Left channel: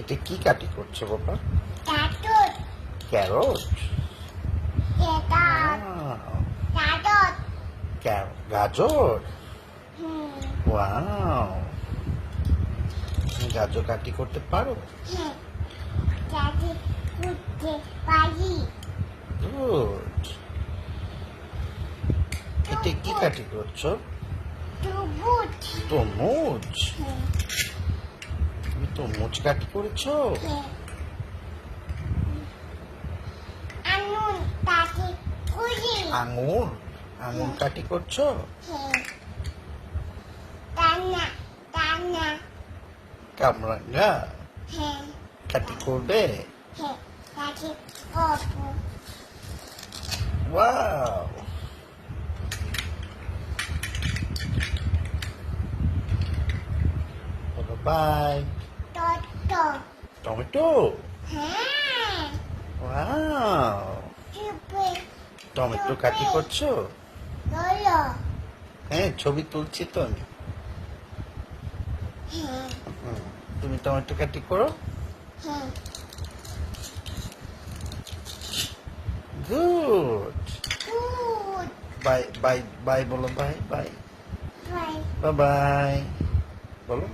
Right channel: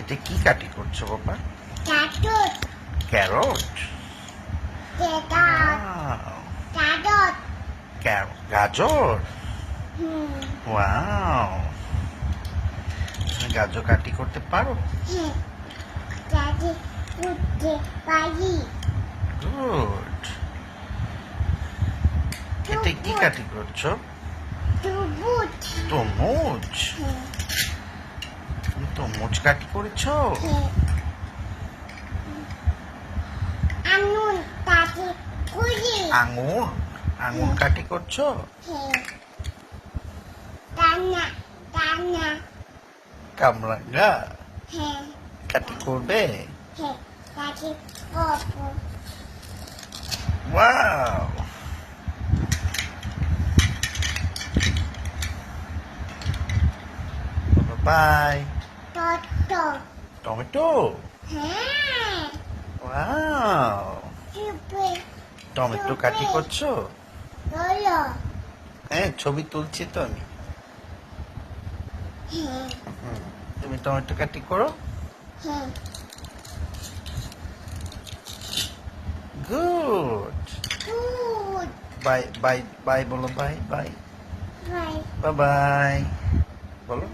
এটা কি কাটি করছো বাবা? Carrot. ক্যারট। গাজর। ওয়াও, তুমি গাজর কাটি করতে পারো? গুড। এটা কি কাটি করছো? তরমুজ। তুমি তরমুজ কাটি করেছো? আঙুর। আঙুর কাটি করছো? কামরাঙ্গা কাটি করবে? Wow, bye. Tomato. Wow, tomato কাটি করছো? হ্যাঁ, ছবি তুলছি তো আমি। তুমি টমেটো কাটি করো। গুড। বাই বাই বাই বলো, বাই বাই বাই বাই বলো।